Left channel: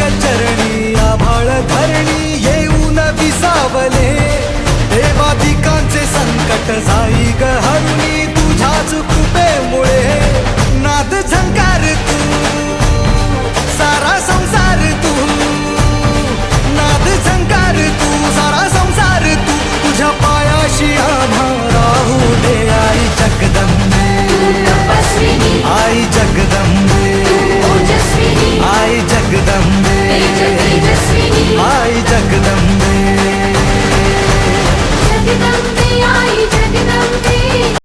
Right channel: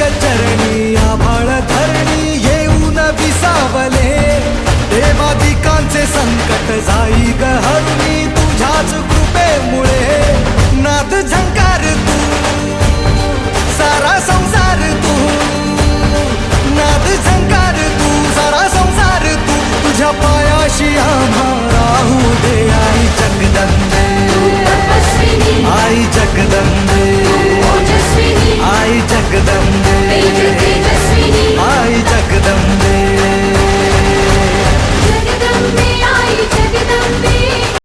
चरणी आभाळ धरणी येऊन विसावले, देवादिकांचे संकट जाई ग हरुनी तुझ्याच कृपेमुळे. नाद झंकार तू सारा संसार तू, नाद झंकार तू सारा संसार तू, तुझ्या पायाशी आम्हा राहू दे आई जगदंबे, आई जगदंबे, आई जगदंबे, आई जगदंबे.